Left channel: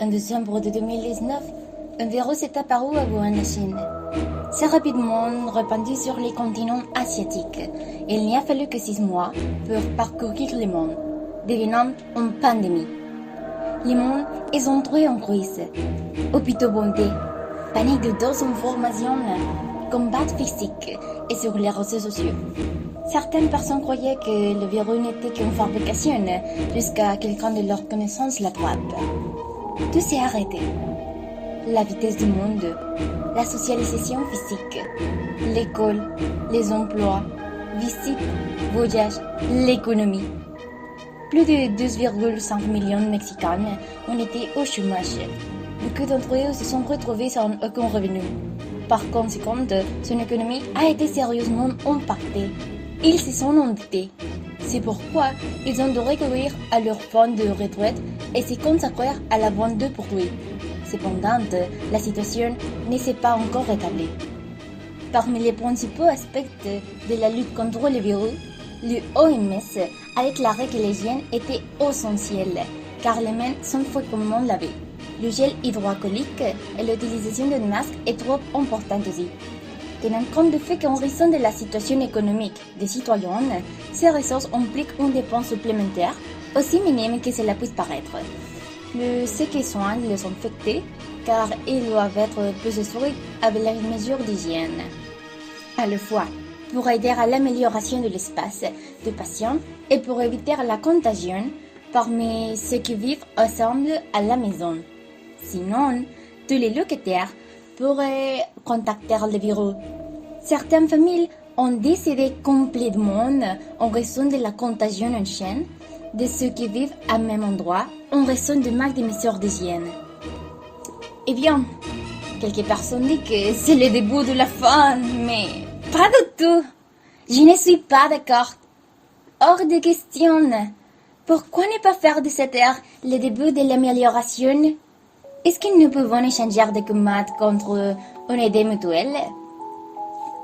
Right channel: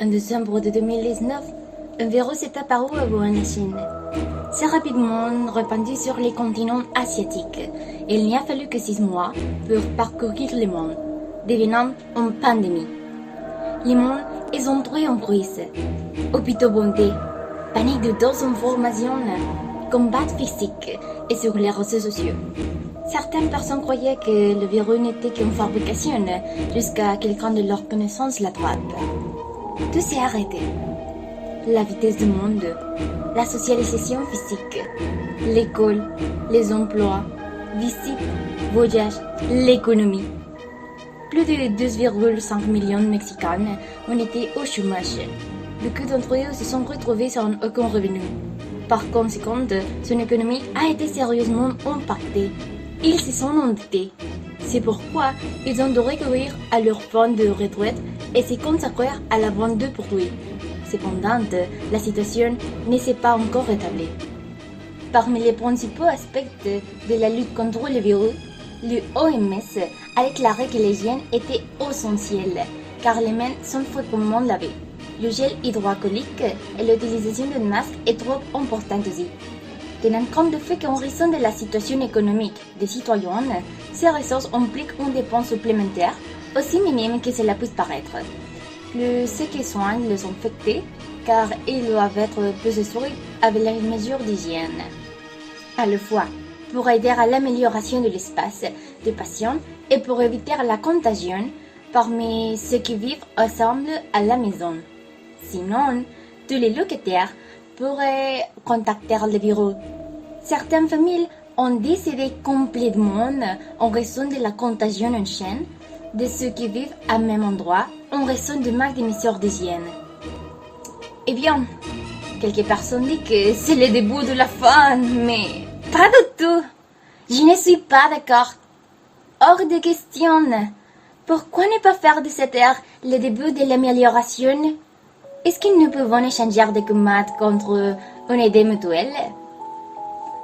En décembre de 2019, un virus est apparu à Wuhan, en Chine. C'est rapidement répandu sur les continents asiatiques. Il n'y a fallu que 6 mois pour parcourir le monde, devenant une pandémie. Le monde est entré en crise. Hôpitaux bondés, panique de désinformation, combat physique et sur les réseaux sociaux. Certaines personnes croyaient que le virus n'était qu'une fabrication jusqu'à quelqu'un de leur connaissance l'attrape. Tout s'est arrêté. La vitesse du monde, la socialisation physique, l'école, les emplois, visites, voyages, l'économie. Plus de 12,5 millions de Mexicains ont été au chômage. Beaucoup d'entre eux se sont retrouvés sans aucun revenu. Par conséquent, son économie a été sérieusement impactée. Ils se sont endettés. C'est pourquoi ils ont dû recourir à leur fonds de retraite et se consacrer à la vente de produits. Cependant, la situation ne s'est pas encore rétablie. Parmi les principaux aspects de la lutte contre le virus, l'OMS a déclaré que l'hygiène était essentielle, car les mains sont fréquemment lavées. Le gel hydroalcoolique et l'utilisation de masques est trop importante aussi. Tenant compte du fait qu'en raison de la situation économique des citoyens, ces ressources impliquent une dépense supplémentaire, aussi minime que cela puisse paraître. Ceux qui soignent les infectés, car ils doivent être plus assurés avec les mesures d'hygiène. À la fois, pour aider à l'amélioration de l'espace des patients et pour éviter la contagion parmi ceux qui vivent ensemble à la maison. Sinon, tous les locataires pourraient contacter le virus. Certaines familles ont décédé complètement en raison de la contagion en chaîne de ceux qui vivent au même endroit en raison du manque de mesures d'hygiène. Eh bien, quelques personnes disent que c'est le début de la fin, mais pas du tout. Je ne suis pas d'accord. Hors de question. Pourquoi ne pas faire de cette ère le début de l'amélioration? Est-ce que nous pouvons échanger des commandes contre une aide mutuelle?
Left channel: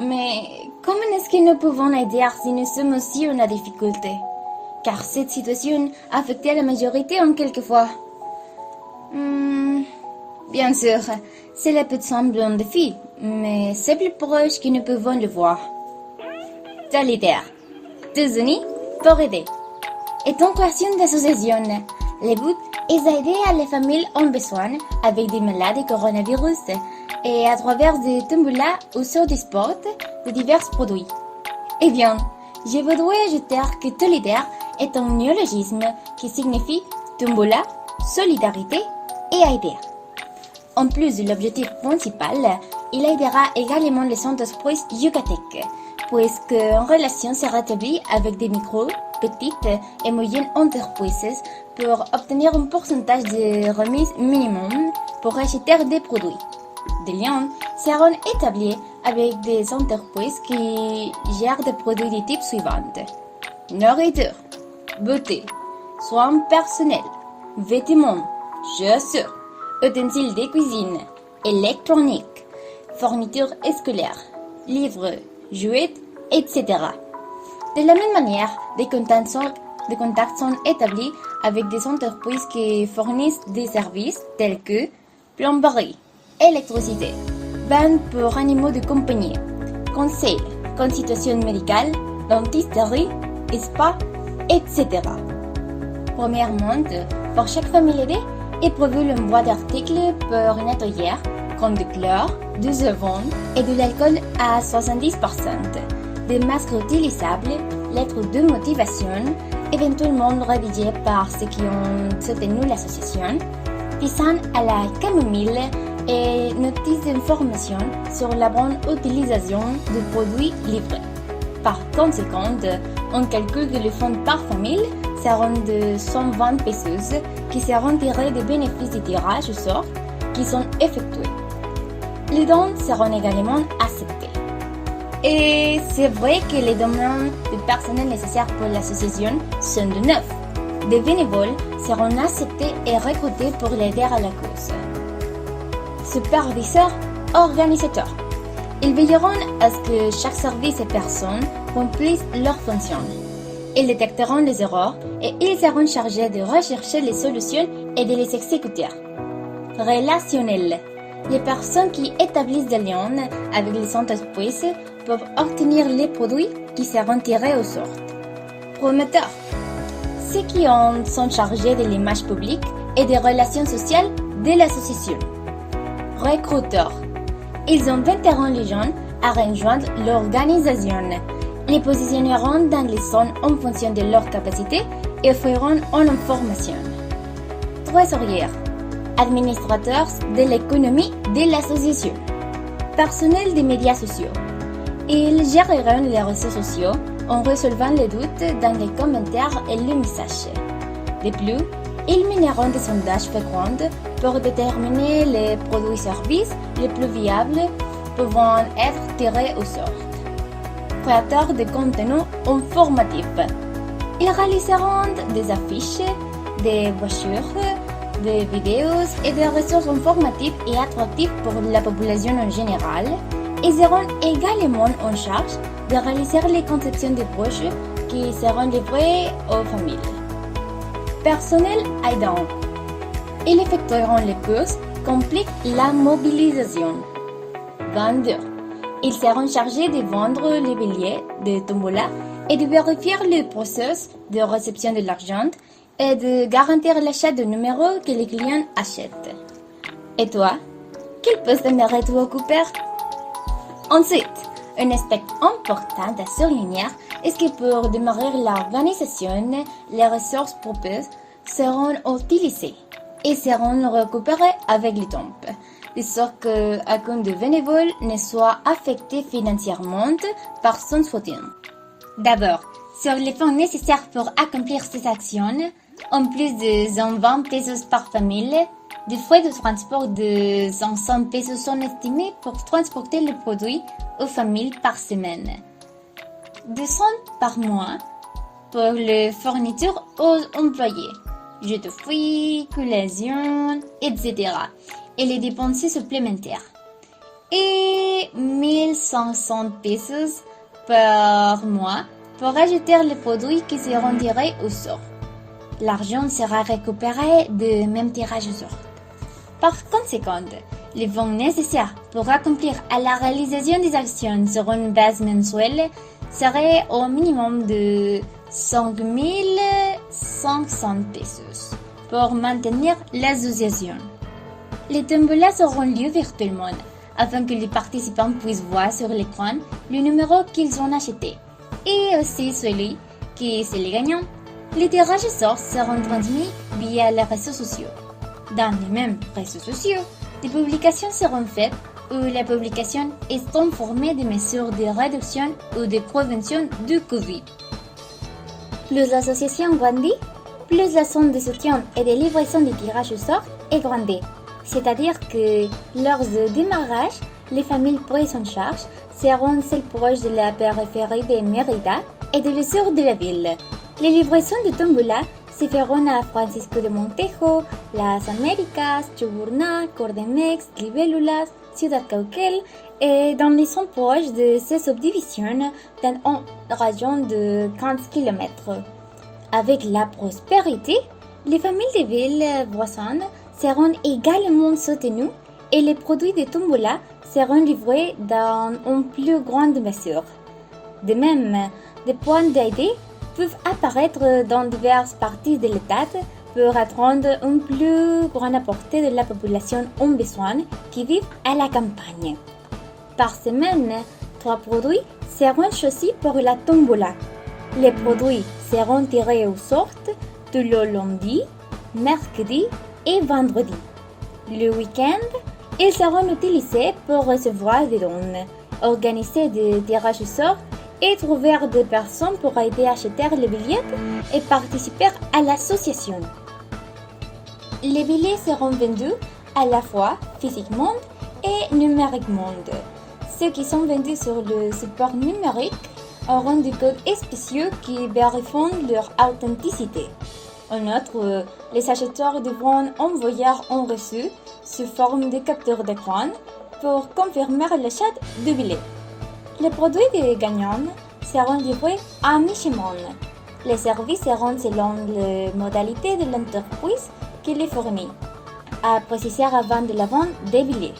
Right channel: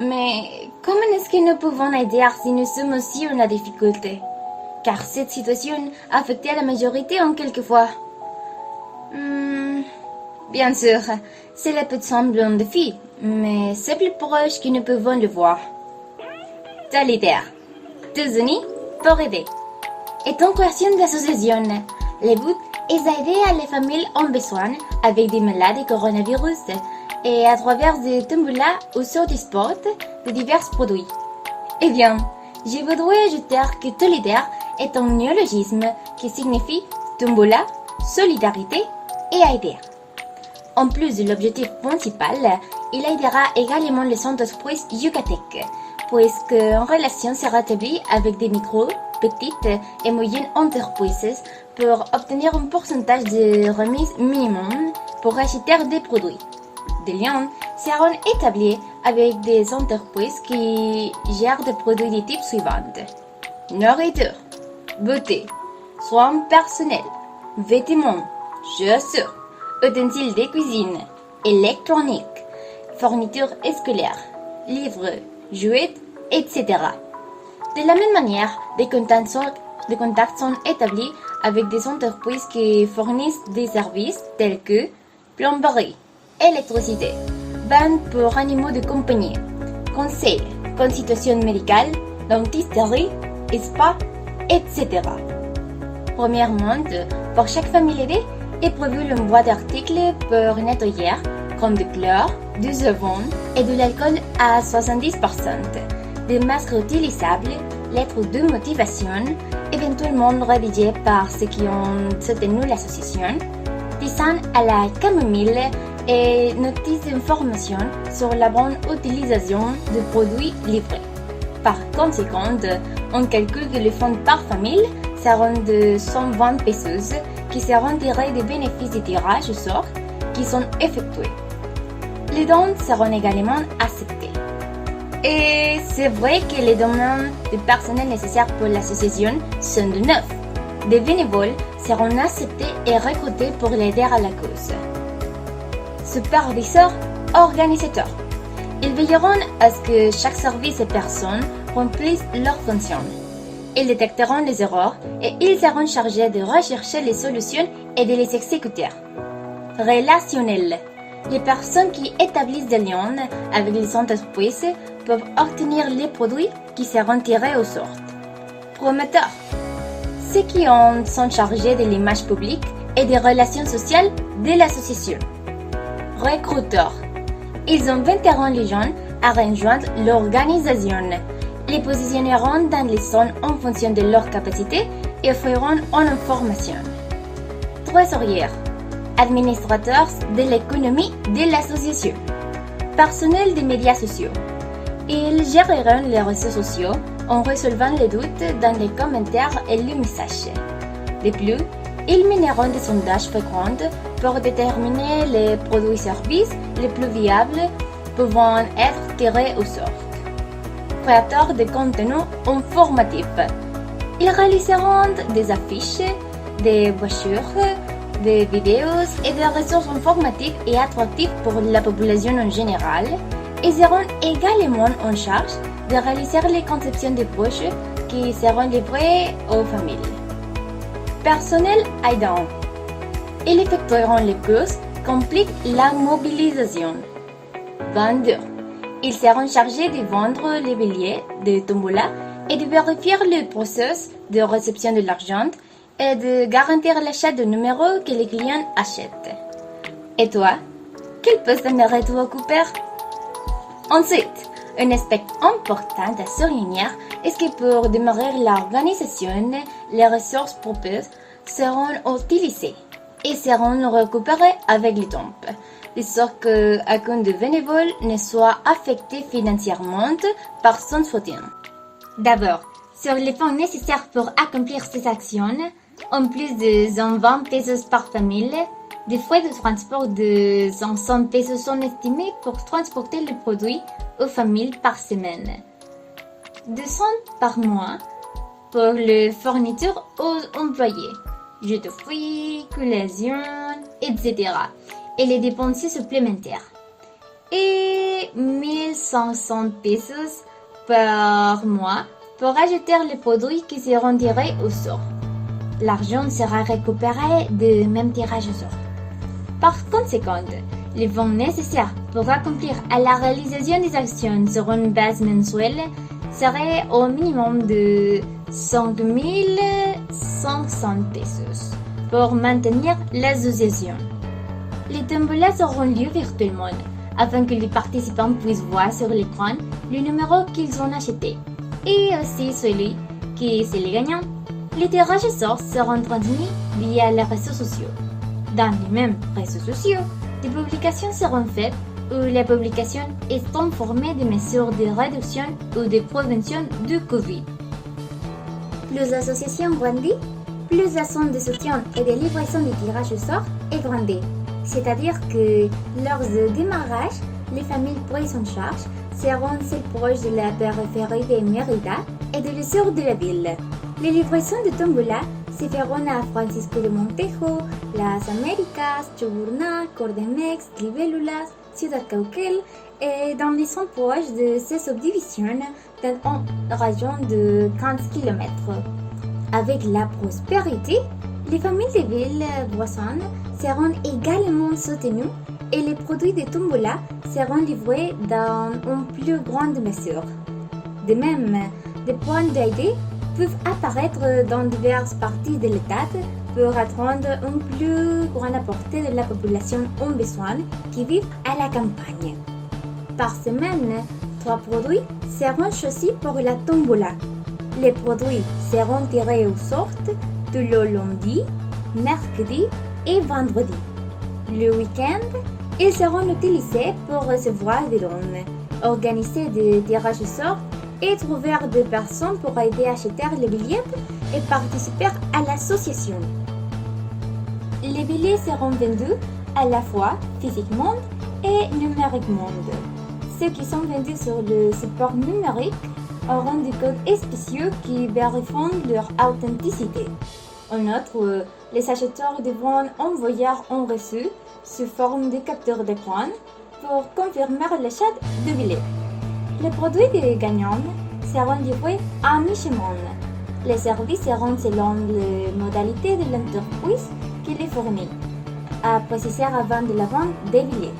Mais comment est-ce que nous pouvons aider si nous sommes aussi en difficulté? Car cette situation a affecté la majorité en quelques fois. Bien sûr, cela peut sembler un défi, mais c'est plus proche que nous pouvons le voir. Solidaire, tous unis pour aider. Et en création d'associations, le but est d'aider les familles en besoin avec des maladies coronavirus et à travers des tombolas ou sur des sports de divers produits. Eh bien, je voudrais ajouter que solidaire est un néologisme qui signifie tombola, solidarité et aider. En plus de l'objectif principal, il aidera également les entreprises yucatèques, puisqu'une relation sera établie avec des micro, petites et moyennes entreprises pour obtenir un pourcentage de remise minimum pour acheter des produits. Des liens seront établis avec des entreprises qui gèrent des produits de type suivant: nourriture, beauté, soins personnels, vêtements, chaussures, ustensiles de cuisine, électronique, fournitures scolaires, livres, jouets, etc. De la même manière, des contacts sont établis avec des entreprises qui fournissent des services tels que plomberie, électricité, vente pour animaux de compagnie, conseil, consultation médicale, dentisterie, spa, etc. Premièrement, pour chaque famille aidée est prévu une boîte d'articles pour nettoyer, comme du chlore, du savon et de l'alcool à 70%, des masques utilisables, lettres de motivation, éventuellement rédigées par ceux qui ont soutenu l'association, tisane à la camomille et notices d'information sur la bonne utilisation des produits livrés. Par conséquent, on calcule que les fonds par famille seront de 120 pesos qui seront tirés des bénéfices de tirage au sort qui sont effectués. Les dons seront également acceptés. Et c'est vrai que les demandes de personnel nécessaires pour l'association sont de 9. Des bénévoles seront acceptés et recrutés pour l'aider à la cause. Superviseurs, organisateurs. Ils veilleront à ce que chaque service et personne remplissent leurs fonctions. Ils détecteront les erreurs et ils seront chargés de rechercher les solutions et de les exécuter. relationnel. Les personnes qui établissent des liens avec les entreprises peuvent obtenir les produits qui seront tirés au sort. Promoteur. Ceux qui sont chargés de l'image publique et des relations sociales de l'association. Recruteurs. Ils inviteront les gens à rejoindre l'organisation, les positionneront dans les zones en fonction de leurs capacités et offriront une information. Trésorière. Administrateurs de l'économie de l'association. Personnel des médias sociaux. Ils géreront les réseaux sociaux en résolvant les doutes dans les commentaires et les messages. De plus, ils mèneront des sondages fréquents pour déterminer les produits-services les plus viables pouvant être tirés au sort. Créateurs de contenu informatifs. Ils réaliseront des affiches, des brochures, des vidéos et des ressources informatives et attractives pour la population en général et seront également en charge de réaliser les conceptions des broches qui seront livrées aux familles. Personnel aidant. Ils effectueront les courses compliquent la mobilisation. Vendeurs. Ils seront chargés de vendre les billets de tombola et de vérifier le processus de réception de l'argent et de garantir l'achat de numéros que les clients achètent. Et toi, quel poste aimerais-tu occuper? Ensuite, un aspect important à souligner est que pour démarrer l'organisation, les ressources proposées seront utilisées et seront récupérées avec le temps, de sorte qu'aucun des bénévoles ne soit affecté financièrement par son soutien. D'abord, sur les fonds nécessaires pour accomplir ces actions, en plus de 120 pesos par famille, des frais de transport de 500 pesos sont estimés pour transporter le produit aux familles par semaine. 200 par mois pour les fournitures aux employés, jeux de fruits, collations, etc. et les dépenses supplémentaires. Et 1500 pesos par mois pour acheter les produits qui seront tirés au sort. L'argent sera récupéré du même tirage au sort. Par conséquent, les fonds nécessaires pour accomplir à la réalisation des actions sur une base mensuelle seraient au minimum de 5 500 pesos pour maintenir l'association. Les tombolas auront lieu virtuellement afin que les participants puissent voir sur l'écran le numéro qu'ils ont acheté et aussi celui qui est le gagnant. Les tirages au sort seront transmis via les réseaux sociaux. Dans les mêmes réseaux sociaux, des publications seront faites où les publications est informée des mesures de réduction ou de prévention du Covid. Plus l'association grandit, plus la zone de soutien et de livraison des tirages au sort est grandie. C'est-à-dire que lors du démarrage, les familles prises en charge seront celles proches de la périphérie de Mérida et de l'essor de la ville. Les livraisons de tombola se feront à Francisco de Montejo, Las Américas, Chuburná, Cordemex, Libélulas, Ciudad Cauquel et dans les zones proches de ces subdivisions dans une région de 15 km. Avec la prospérité, les familles des villes voisines seront également soutenues et les produits de tombola seront livrés dans une plus grande mesure. De même, des points d'aide peuvent apparaître dans diverses parties de l'État pour atteindre une plus grande portée de la population en besoin qui vit à la campagne. Par semaine, 3 produits seront choisis pour la tombola. Les produits seront tirés au sort tous le lundi, mercredi et vendredi. Le week-end, ils seront utilisés pour recevoir des dons, organiser des tirages au sort et trouver des personnes pour aider à acheter les billets et participer à l'association. Les billets seront vendus à la fois physiquement et numériquement. Ceux qui sont vendus sur le support numérique auront des codes spéciaux qui vérifient leur authenticité. En outre, les acheteurs devront envoyer un reçu sous forme de capture d'écran pour confirmer l'achat du billet. Les produits des gagnants seront livrés à mi-chemin. Les services seront selon les modalités de l'entreprise qui les fournit. à processer avant de la vente des billets.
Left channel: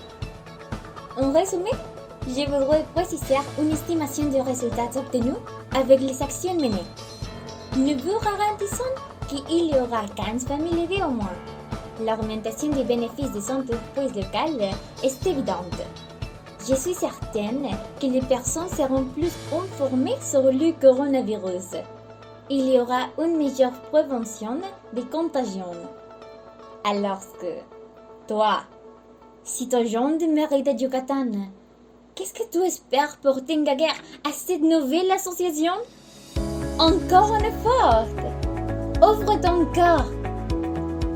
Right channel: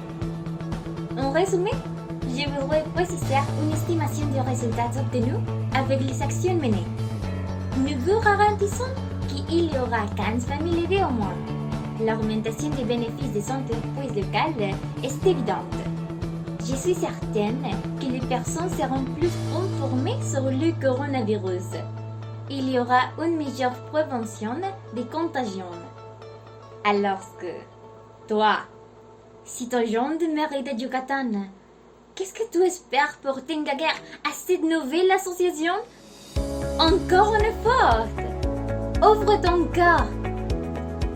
En résumé, je voudrais processer une estimation des résultats obtenus avec les actions menées. Nous vous garantissons qu'il y aura 15 familles aidées au moins. L'augmentation des bénéfices des entreprises locales est évidente. Je suis certaine que les personnes seront plus informées sur le coronavirus. Il y aura une meilleure prévention des contagions. Alors que, toi, citoyen de Mérida Yucatan, qu'est-ce que tu espères pour t'engager à cette nouvelle association? Encore une fois, ouvre ton cœur.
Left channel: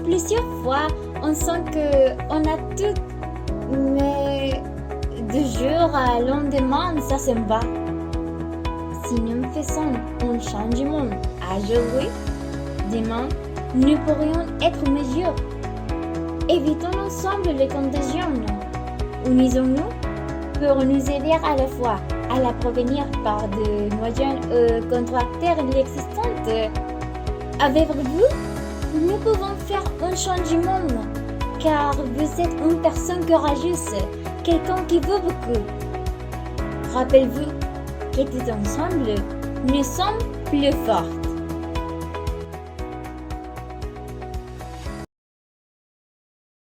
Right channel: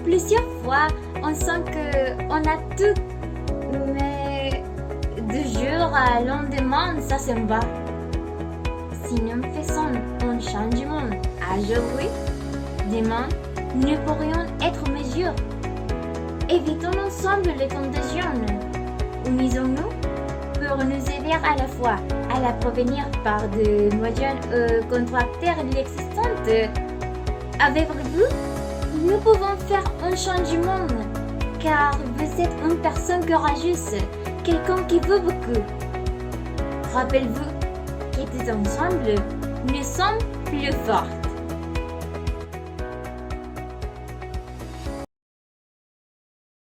Plusieurs fois, on sent qu'on a tout, mais de jour à lendemain, ça s'en va. Si nous faisons un changement aujourd'hui, demain, nous pourrions être meilleurs. Évitons ensemble les contagions. Unisons-nous pour nous aider à la fois à la prévenir par de moyens contracter l'existence. Avec vous, nous pouvons faire un changement, car vous êtes une personne courageuse, quelqu'un qui veut beaucoup. Rappelez-vous que tous ensemble, nous sommes plus forts.